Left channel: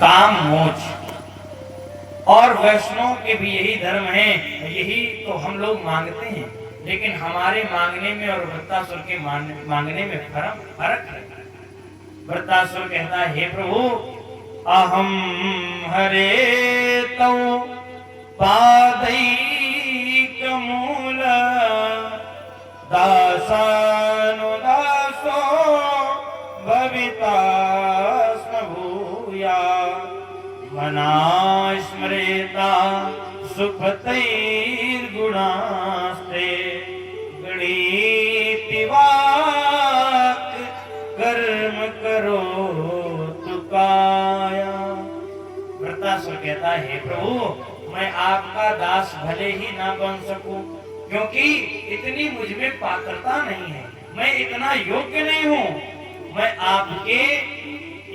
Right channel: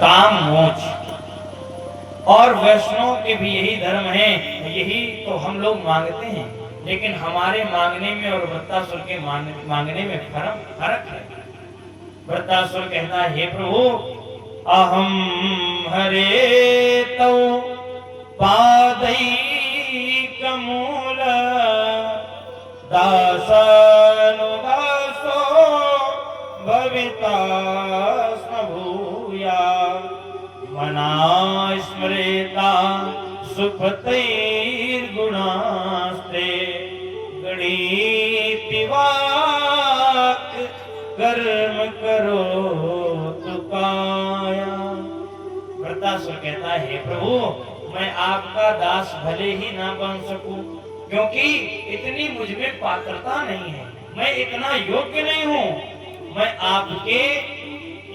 काम मोक्ष। और वैष्णव के भी यही धर्म है, यही तो हम लोग मांगते हैं। लेकिन हमारे मांगने में और वृत्तासुर के मांगने में फर्क है। वृत्तासुर कहता है, हे प्रभु, अहम हरे तौ पादैकमूल दासानुदासो भविता स्म भूया मना स्मरेता सुखतैर्गुणास्ते गणीति वाक् कर्म करो तुकाया। वृत्तासुर कहता है, हे प्रभु, मैं आपका दास भले ही ना बन सकूं, क्योंकि इतनी मुझमें पात्रता नहीं है, मैं इतना योग्य नहीं हूं। मैं आपके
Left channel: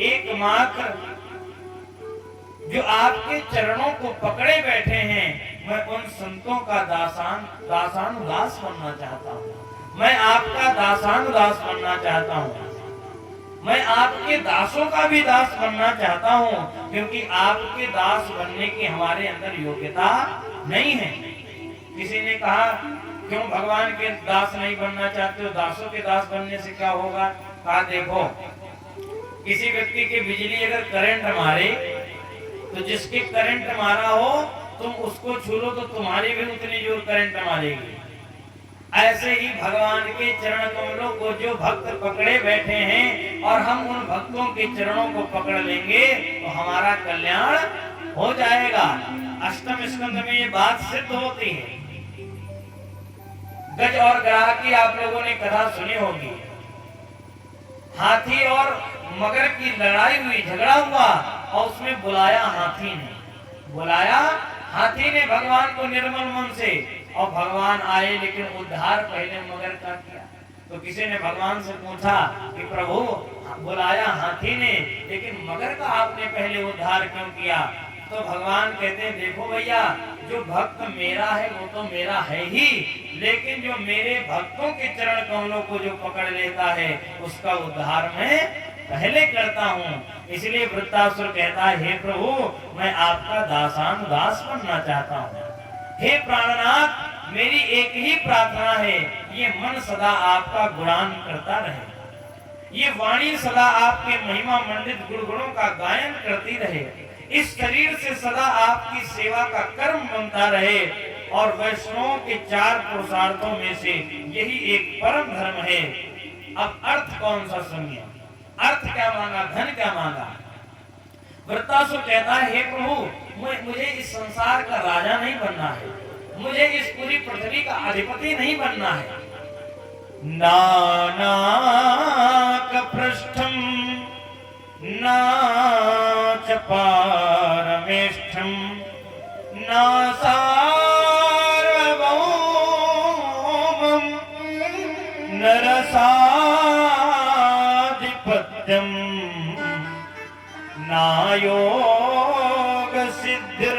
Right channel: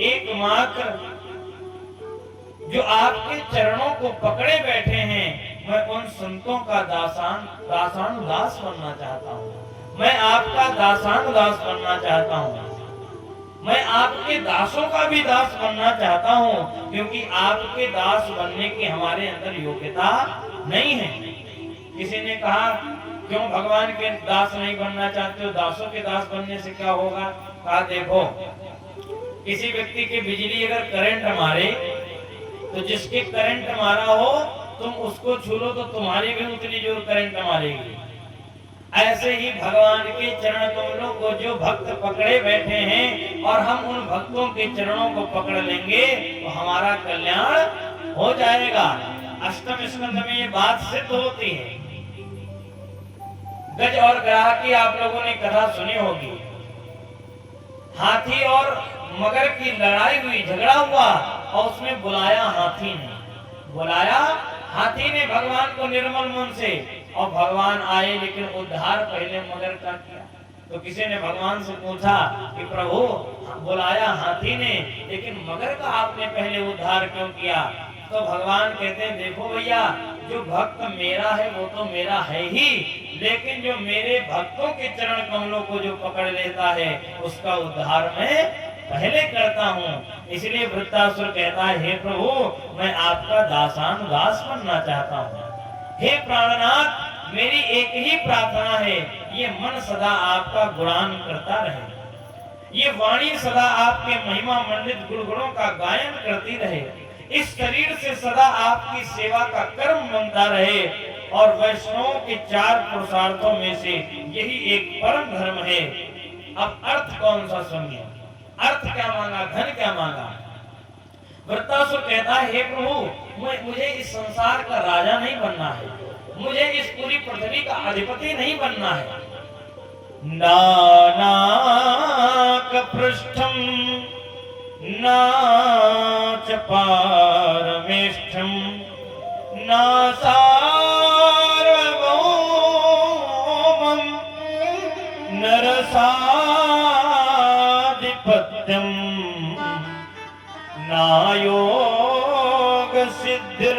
एकमात्र जो आपके चरणों को पकड़े बैठे हैं, मैं उन संतों का दासानुदास बनना चाहता हूं। मैं आपका दासानुदास बनना चाहता हूं। मैं आपके दासों का भी दास बनना चाहता हूं, क्योंकि आपके दास बनने की हमारे अंदर योग्यता नहीं है। किसी ने कहा, क्यों भगवान के दास नहीं बनना चाहते हो? दासों के दास बनने से क्या होगा? कहा, देखो, किसी व्यक्ति की बिजली अगर करंट मारे तो जिसके करंट मारा हो तुम उसको छू लो तो तुम्हारी भी उतनी जोर करंट मारेगी। ऐसे ही भगवान के चरण कमलों को जो भक्त पकड़े बैठे हैं और हम उन भक्तों के चरणों को पकड़ लेंगे तो हमारा कल्याण हो जाएगा। अष्टम स्कंध में ये बात सिद्ध होती है। गज और ग्राह की आप लोगों ने कथा सुनी होगी। हाथी और मगर की लड़ाई हुई, झगड़ा हुआ और उसमें बुलाया हाथी ने भगवान को निर्मल मन से, और भगवान आए, लेकिन उद्धार पहले मगर का किया। तो किसी ने भगवान से पूछा कि प्रभु, बुलाया हाथी ने, लेकिन मगर का आपने पहले उद्धार क्यों किया? तो भगवान कहते हैं, देखो भैया, जो भक्त मेरा है वो तो मेरा है ही, लेकिन जो मेरे भक्तों के चरण कमलों को जो पकड़ लेता है उसका उद्धार मैं पहले करता हूँ। इसलिए वृत्तासुर कहता है, हे प्रभु, मैं आपका दासानुदास बनना चाहता हूँ। हे प्राणनाथ, मेरी एक ही प्रार्थना है, ये मन सदा आपका गुणान करता रहे, ये वाणी सदा आपके महिमा मंडित गुणगुणों का गायन करती रहे, इस शरीर से सदा आपकी सेवा का कर्म बनता रहे। और वैष्णवों के 4 पुरुषार्थों में से यही एक परम धर्म है। अब अर्थ कौन सा सुनिए। अर्थ क्या मांगा, धन क्या मांगा? वृत्तासुर कहता है, हे प्रभु, मुझे इस संसार का राजा नहीं बनना है, मुझे इस पूरी पृथ्वी का अधिपति नहीं बनना है। नानाक पृष्ठम ना च पारमेष्ठम ना सार्वभौमम नरसाधिपत्यम ना योग सिद्धिर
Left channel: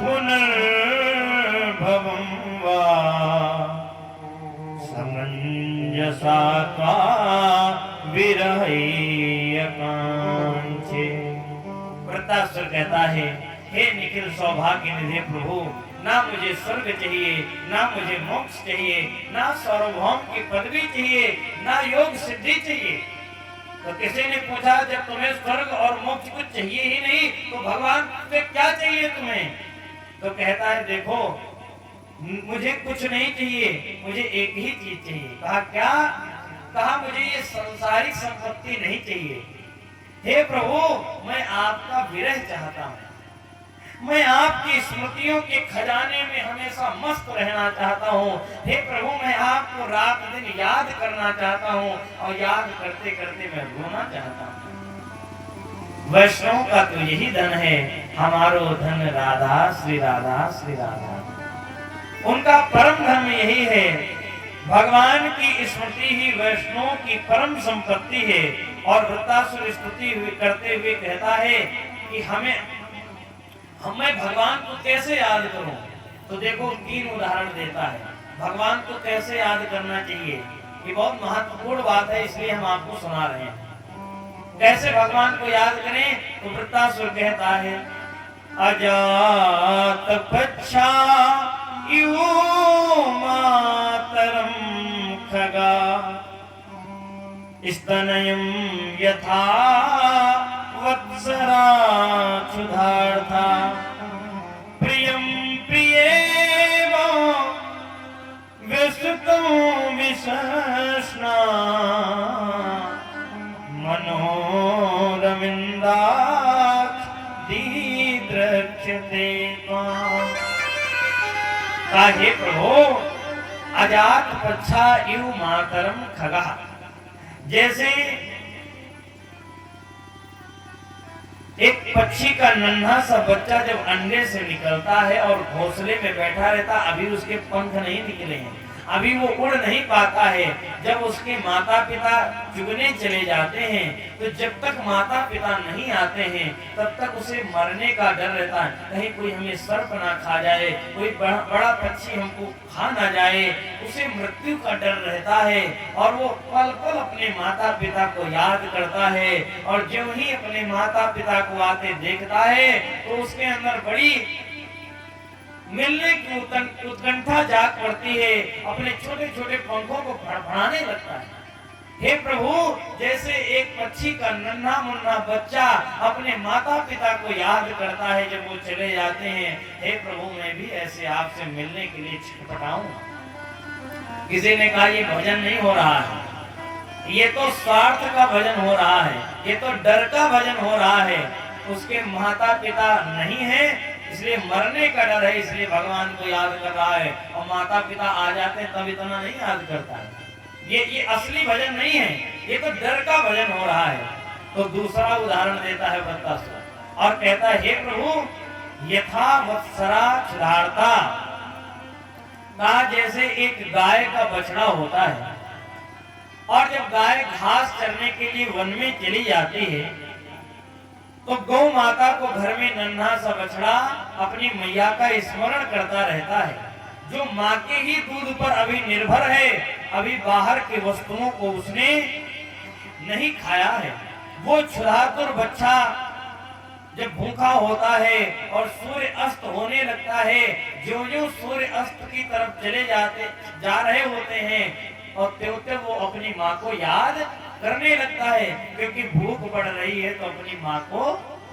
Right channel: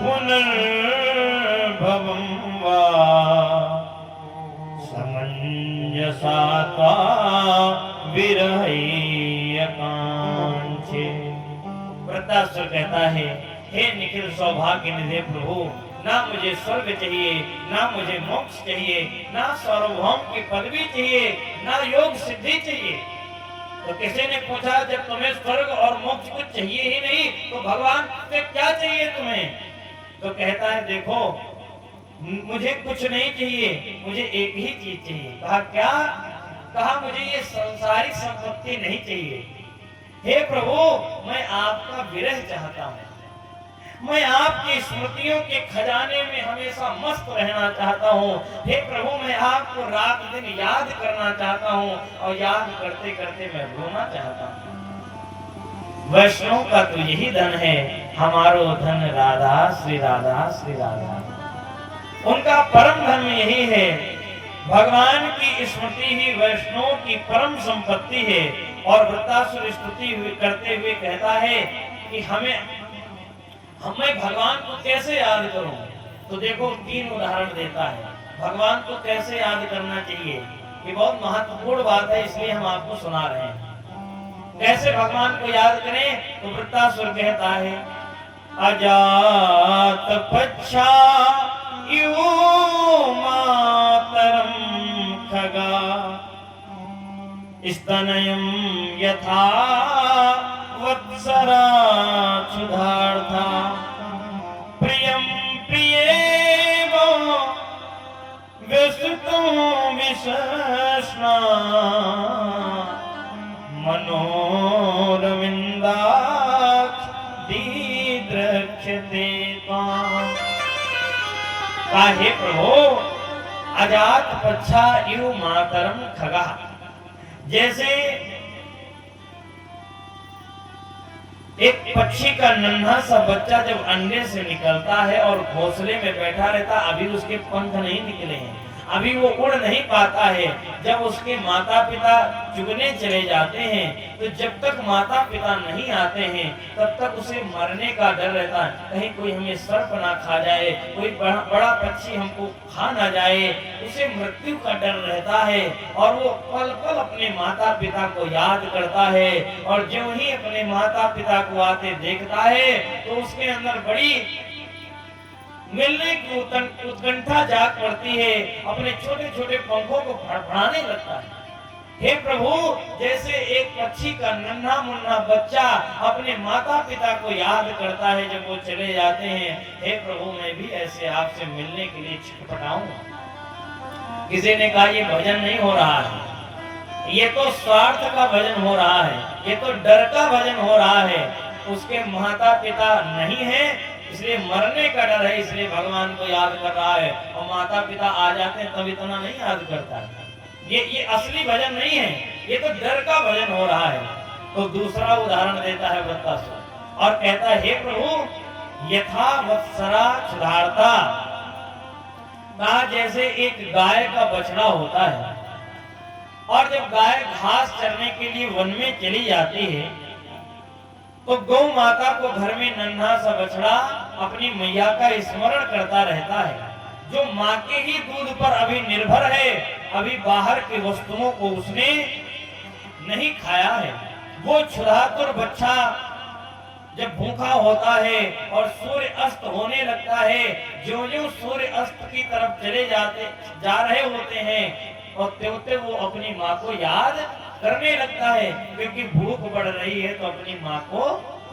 पुनर्भवम वा समंजसा त्वा विरहैकांक्षे। वृत्तासुर कहता है, हे निखिल सौभाग्य निधे प्रभु, ना मुझे स्वर्ग चाहिए, ना मुझे मोक्ष चाहिए, ना सार्वभौम की पदवी चाहिए, ना योग सिद्धि चाहिए। तो किसी ने पूछा, जब तुम्हें स्वर्ग और मोक्ष कुछ चाहिए ही नहीं तो भगवान से क्या चाहिए तुम्हें? तो कहता है, देखो, मुझे कुछ नहीं चाहिए, मुझे एक ही चीज चाहिए। कहा, क्या? कहा, मुझे ये संसारिक संपत्ति नहीं चाहिए। हे प्रभु, मैं आपका विरह चाहता हूँ, मैं आपकी स्मृतियों के खजाने में हमेशा मस्त रहना चाहता हूँ। हे प्रभु, मैं आपको रात दिन याद करना चाहता हूँ और याद करते करते मैं रोना चाहता हूँ। वैष्णव का तो यही धन है, हमारो धन राधा श्री राधा श्री राधा। उनका परम धर्म यही है। भगवान की स्मृति ही वैष्णव की परम संपत्ति है। और वृत्तासुर स्तुति करते हुए कहता है कि मैं भगवान को कैसे याद करूं? तो देखो, 3 उदाहरण देता है भगवान को कैसे याद करना चाहिए। ये बहुत महत्वपूर्ण बात है, इसलिए हम आपको सुना रहे हैं। कैसे भगवान को याद करें? तो वृत्तासुर कहता है अजात पच्छा इवो मातरम खगा स्तनयं यथा वत्सरा क्षुधार्था प्रियं प्रियेव व्यसुतं विशस्ना मनोरविन्दाक्ष दीद्रक्षते त्वाम्। हे प्रभु अजात पच्छा इव मातरम खगा, जैसे एक पक्षी का नन्हा सा बच्चा जब अंडे से निकलता है और घोंसले में बैठा रहता, अभी उसके पंख नहीं निकले हैं, अभी वो उड़ नहीं पाता है। जब उसके माता पिता चुगने चले जाते हैं तो जब तक माता पिता नहीं आते हैं तब तक उसे मरने का डर रहता है, कहीं कोई हमें सर्प ना खा जाए, कोई बड़ा पक्षी हमको खा ना जाए, उसे मृत्यु का डर रहता है। और वो पल पल अपने माता पिता को याद करता है, और जो ही अपने माता पिता को आते देखता है तो उसके अंदर बड़ी मिलने की उत्कंठा जाग पड़ती है, अपने छोटे छोटे पंखों को फड़फड़ाने लगता है। हे प्रभु, जैसे एक पक्षी का नन्हा मुन्ना बच्चा अपने माता पिता को याद करता है जब वो चले जाते हैं, हे प्रभु मैं भी ऐसे आपसे मिलने के लिए छटपटाऊं। किसी ने कहा ये भजन नहीं हो रहा है, ये तो स्वार्थ का भजन हो रहा है, ये तो डर का भजन हो रहा है। उसके माता पिता नहीं है इसलिए मरने का डर है, इसलिए भगवान को याद कर रहा है, और माता पिता आ जाते हैं तब इतना नहीं याद करता है। ये असली भजन नहीं है, ये तो डर का भजन हो रहा है। तो दूसरा उदाहरण देता है वृत्तासुर और कहता है हे प्रभु यथा वत्सरा क्षुधार्ता, कहा जैसे एक गाय का बछड़ा होता है और जब गाय घास चरने के लिए वन में चली जाती है तो गौ माता को घर में नन्हा सा बछड़ा अपनी मैया का स्मरण करता रहता है, जो माँ के ही दूध पर अभी निर्भर है, अभी बाहर की वस्तुओं को उसने नहीं खाया है। वो क्षुधातुर बच्चा जब भूखा होता है और सूर्य अस्त होने लगता है, जो जो सूर्य अस्त की तरफ चले जा रहे होते हैं और त्यों वो अपनी माँ को याद करने लगता है, क्योंकि भूख बढ़ रही है तो अपनी माँ को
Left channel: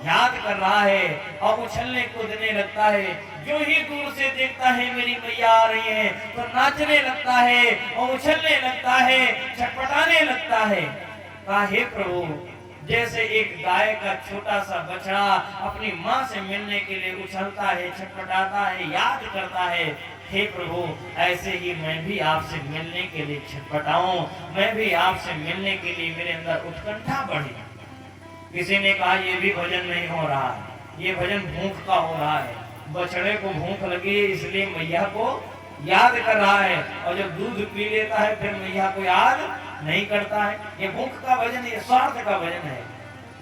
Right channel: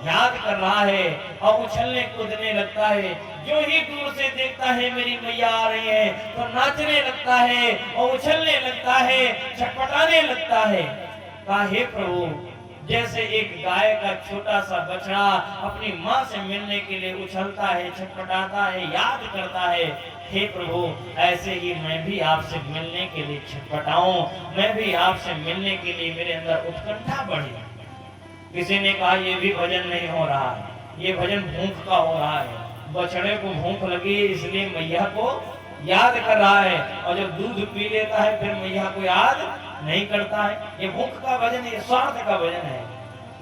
याद कर रहा है और उछलने कूदने लगता है। जो ही दूर से देखता है मेरी मैया आ रही है तो नाचने लगता है और उछलने लगता है, छटपटाने लगता है। कहा हे प्रभु, जैसे एक गाय का छोटा सा बछड़ा अपनी माँ से मिलने के लिए उछलता है, छटपटाता है, याद करता है, हे प्रभु ऐसे ही मैं भी आपसे मिलने के लिए छटपटाऊं, मैं भी आपसे मिलने के लिए मेरे अंदर उत्कंठा बढ़े। किसी ने कहा ये भी भजन नहीं हो रहा है, ये भजन भूख का हो रहा है। बछड़े को भूख लगी इसलिए मैया को याद कर रहा है, और जब दूध पी लेता है फिर मैया को याद नहीं करता है। ये भूख का भजन, ये स्वार्थ का भजन है।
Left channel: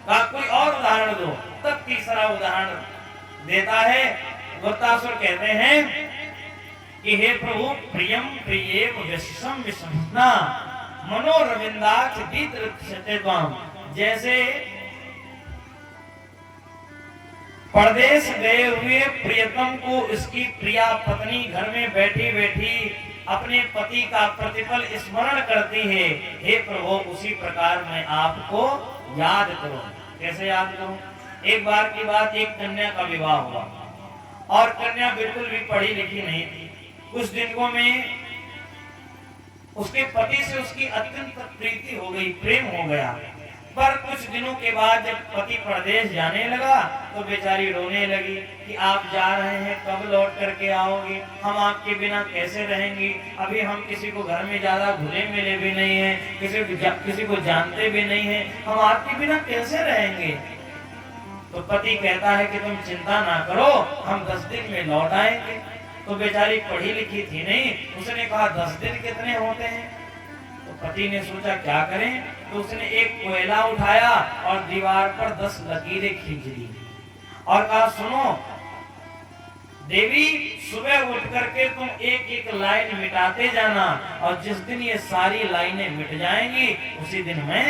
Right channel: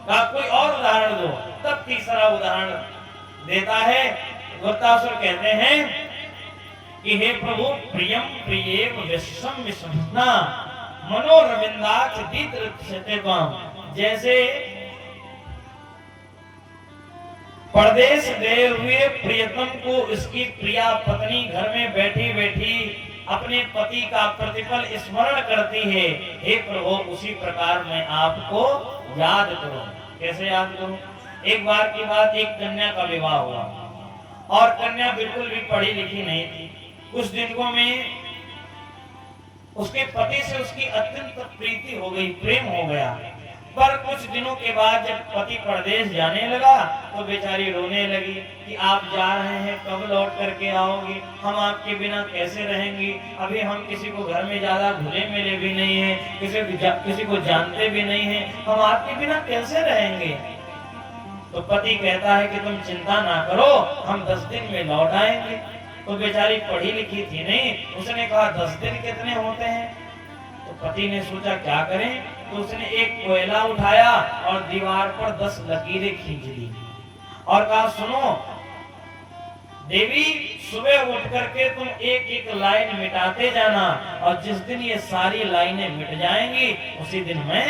कहा कोई और उदाहरण दो। तब तीसरा उदाहरण देता है। वृत्तासुर कहते हैं कि हे प्रभु प्रियम प्रियेव विश्वम विश्वना मनोरविंदाक्ष दीद्रक्षते त्वाम, जैसे परदेश गए हुए प्रियतम को इसकी प्रिया पत्नी घर में बैठी बैठी अपने पति का प्रतिपल स्मरण करती है, हे प्रभु उसी प्रकार मैं आपको याद करूं। कैसे याद करूं? एक बार की बात, एक कन्या का विवाह हुआ और कन्या बिल्कुल भी पढ़ी लिखी नहीं थी। कुछ दिनों में उसके पति से उसकी अत्यंत प्रीति हो गई, प्रेम हो गया। पर कुछ दिनों के बाद जब पति परदेश जाने लगा तो बेचारी रोने लगी कि आप जा रहे हैं, कब लौट करके आओगे, हम आपके बिना कैसे रहेंगी, अभी हम किसी को घर में ज्यादा घुले मिले भी नहीं है, किसी को जानते भी नहीं है, हम आपके बिना कैसे रहेंगे। तो पति कहता है कि तुम चिंता ना करो, हम 10 दिन में लौट आएंगे। तो बेचारी पढ़ी लिखी थी नहीं, उसने कहा 10 दिन कितने होते हैं। तो पति ने सोचा क्या करें, तो उसने एक कोयला उठाया और दीवार पर 10 लकीरें खींच दी और कहा सुनो देवी, सुबह उठ करके तुम एक एक लाइन मिटाते जाना, और जिस दिन ये सारी लाइनें मिट जाएंगी उसी दिन मैं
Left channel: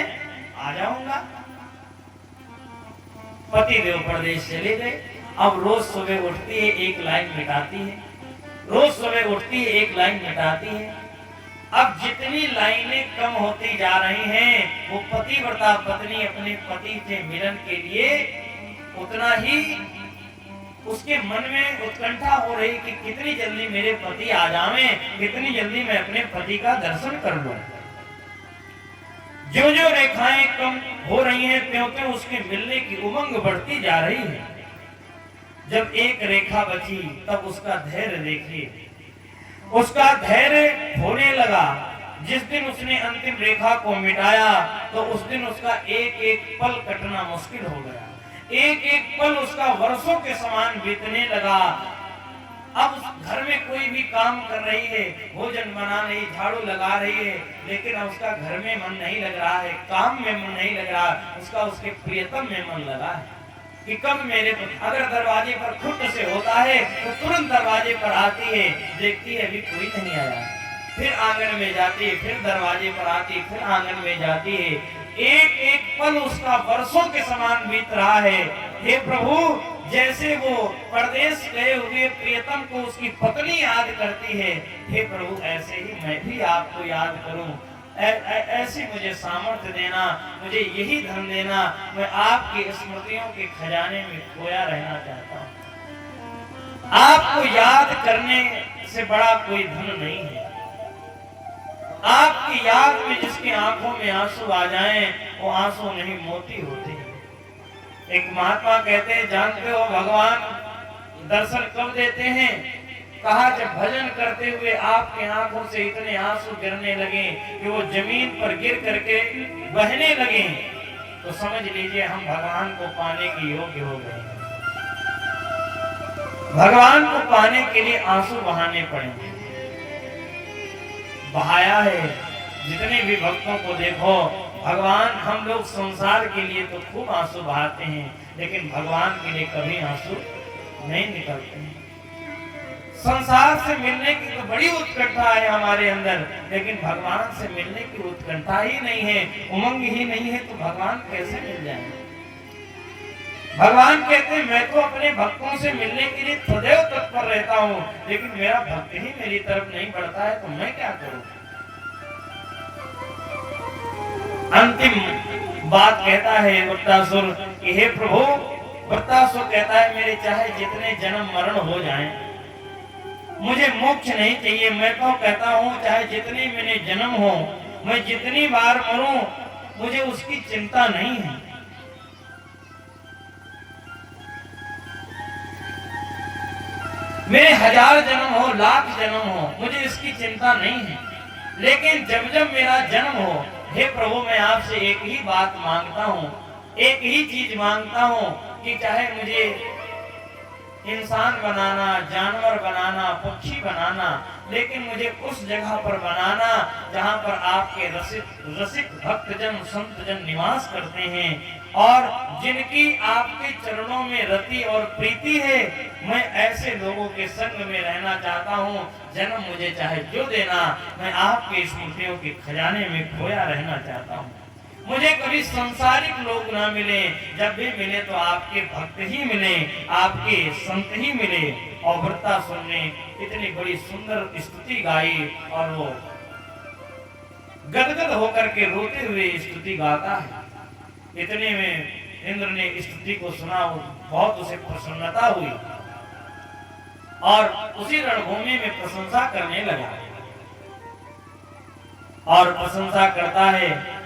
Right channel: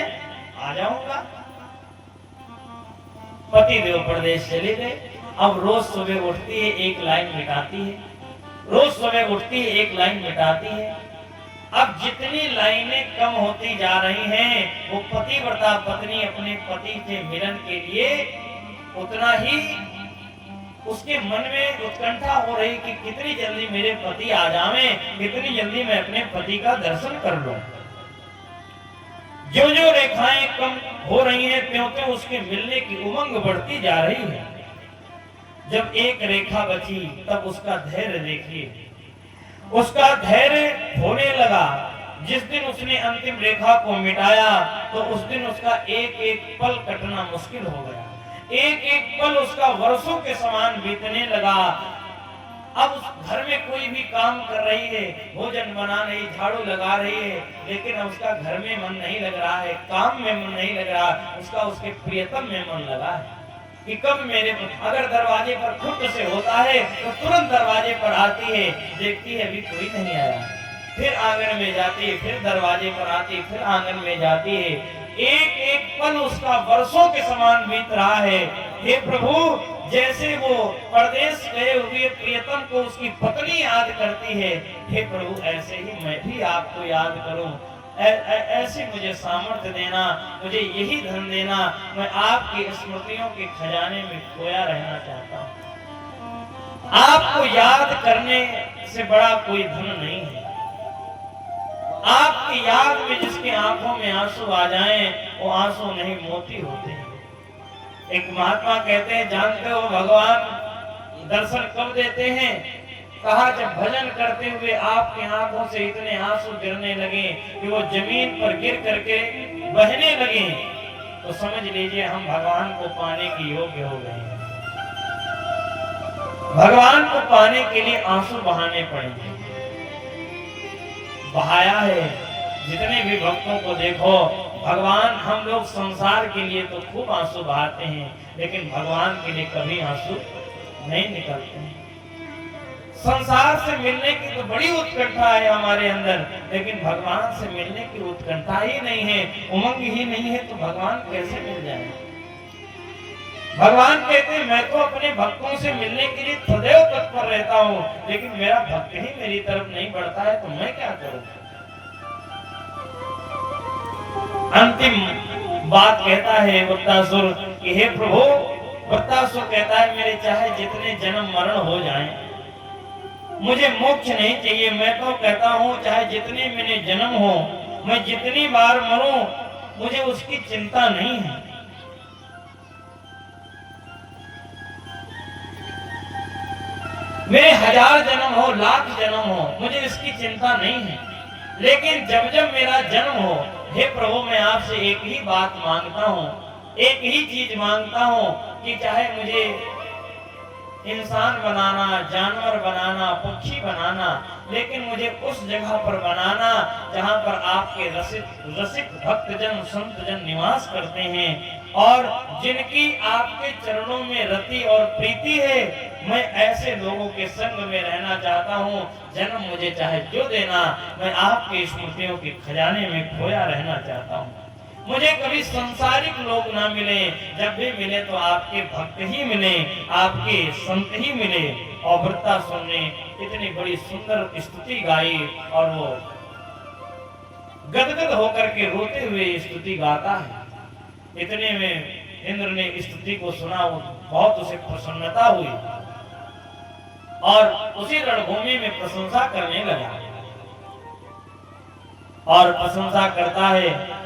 आ जाऊंगा। पति देव प्रदेश चले गए। अब रोज सुबह उठती है, एक लाइन मिटाती है, रोज सुबह उठती है, एक लाइन मिटाती है। अब जितनी लाइनें कम होती जा रही हैं, वो पतिव्रता पत्नी अपने पति से मिलन के लिए उतना ही उसके मन में उत्कंठा हो रही कि कितनी जल्दी मेरे पति आ जावें, कितनी जल्दी मैं अपने पति का दर्शन कर लूं। जो जो रेखाएं कम हो रही हैं, त्यों-त्यों उसके मिलने की उमंग बढ़ती जा रही है। जब एक रेखा बची तब उसका धैर्य देखिए, उसका धैर्य होने लगा। जिस दिन उसने अंतिम रेखा को मिटाया तो उस दिन उसका एक एक पल कटना मुश्किल हो गया, एक एक पल उसका वर्षों के समान बीतने लगा। अब उस घर में कोई भी काम कर रही है, भोजन बना रही, झाड़ू लगा रही है, लेकिन उसका घर में मन नहीं लग रहा है, काम में मन नहीं लग रहा, उसका उसके प्रियतम में मन लगा है कि कब मेरे, अगर दरवाजे पर खुद से होता है तो तुरंत दरवाजे पर आती है, देखती है अभी कोई नहीं आया, फिर आंगन में जाती है, फिर दरवाजे पर आती है, फिर आंगन में जाती है। एक एक पल उसका वर्षों के समान बीत रहा है। हे प्रभु, जैसे वो परदेश गए हुए प्रियतम को उसकी पत्नी याद करती है, हे प्रभु ऐसे ही मैं भी आपको याद करूं, ऐसी मुझे सामर्थ्य देना, मुझे यही धन देना, मैं आपकी स्मृतियों के खजाने में खोया रहना चाहता हूं। आपको याद करने से बड़ा कोई धन नहीं है। आपकी याद में जिसकी आंखों में आंसू आ जाएं, वो आंसू नहीं मोती होते हैं। एक महात्मा कहते हैं, जानते हो भगवान दर्शन कब देते हैं? कहा जब भजन करते हुए आपकी आंखों से इतने आंसू गिरने लगे कि वो जमीन पर गिर करके बहने लगे, तो समझ लीजिए हम भगवान को पाने के योग्य हो गए। भगवान को पाने के लिए आंसू बहाने पड़ेंगे। बहाया है, जितने भी भक्तों को देखो, भगवान, हम लोग संसार के लिए तो खूब आंसू बहाते हैं, लेकिन भगवान के लिए कभी आंसू नहीं निकलते हैं। संसार से मिलने की तो बड़ी उत्कंठा है हमारे अंदर, लेकिन भगवान से मिलने की उत्कंठा ही नहीं है, उमंग ही नहीं है, तो भगवान कैसे मिल जाएंगे? भगवान कहते हैं, मैं तो अपने भक्तों से मिलने के लिए सदैव तत्पर रहता हूँ, लेकिन मेरा भक्त ही मेरी तरफ नहीं बढ़ता है, तो मैं क्या करूं? अंतिम बात कहता है वृत्तासुर कि हे प्रभु, वृत्तासुर कहता है मेरे चाहे जितने जन्म मरण हो जाएं, मुझे मोक्ष नहीं चाहिए। मैं तो कहता हूँ चाहे जितने मेरे जन्म हो, मैं जितनी बार मरूं, मुझे उसकी चिंता नहीं है। मेरे 1000 जन्म हो, लाख जन्म हो, मुझे इसकी चिंता नहीं है, लेकिन जब जब मेरा जन्म हो, हे प्रभु मैं आपसे एक ही बात मांगता हूँ, एक ही चीज मांगता हूँ कि चाहे मुझे इंसान बनाना, जानवर बनाना, पक्षी बनाना, लेकिन मुझे उस जगह पर बनाना जहाँ पर आपके रसिक भक्तजन संतजन निवास करते हैं और जिनकी आपके चरणों में रति और प्रीति है। मैं ऐसे लोगों के संग में रहना चाहता हूँ। जन्म मुझे चाहे जो देना, मैं आपके स्मृतियों के खजाने में खोया रहना चाहता हूँ। मुझे कभी संसारिक लोग ना मिले, जब भी मिले तो आपके भक्त ही मिले, आपके संत ही मिले। और वृत्तासुर ने इतनी बड़ी सुंदर स्तुति गाई और वो गदगद होकर के रोते हुए स्तुति गाता है। इतने में इंद्र ने स्तुति को सुना, बहुत उसे प्रसन्नता हुई और उसी रणभूमि में प्रशंसा करने लगा और प्रशंसा करता है